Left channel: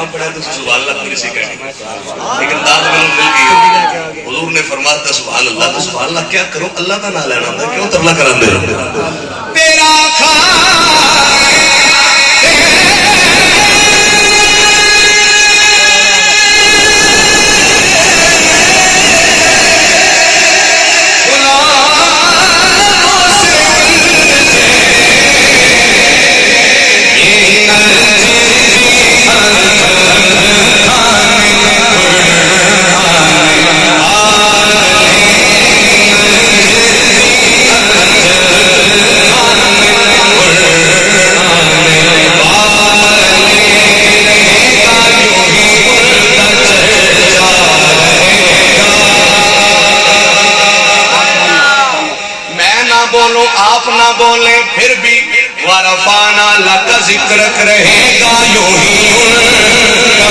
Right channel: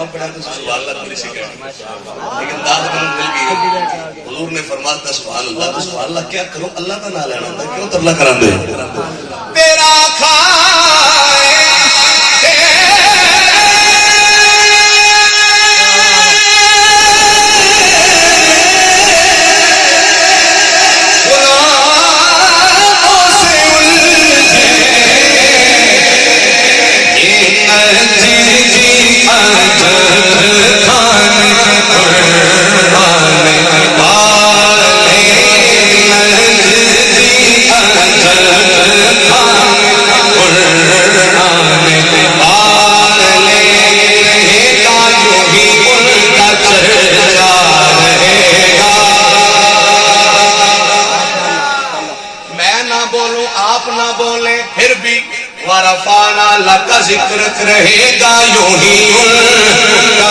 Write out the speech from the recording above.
नाम पढ़ा तो सुभान अल्लाह पूरी सी कहनी, लेकिन दाद में मिल गई। हुजूर ने फरमाया था सुभान अल्लाह, तो सुभान अल्लाह क्या करूं, अल्लाह का नाम लेना होता, क्यों तरला करांदे हो? तेरा आप ना बोले फिर भी वरफाना लका जिक्र रहेगा यूं ही उनका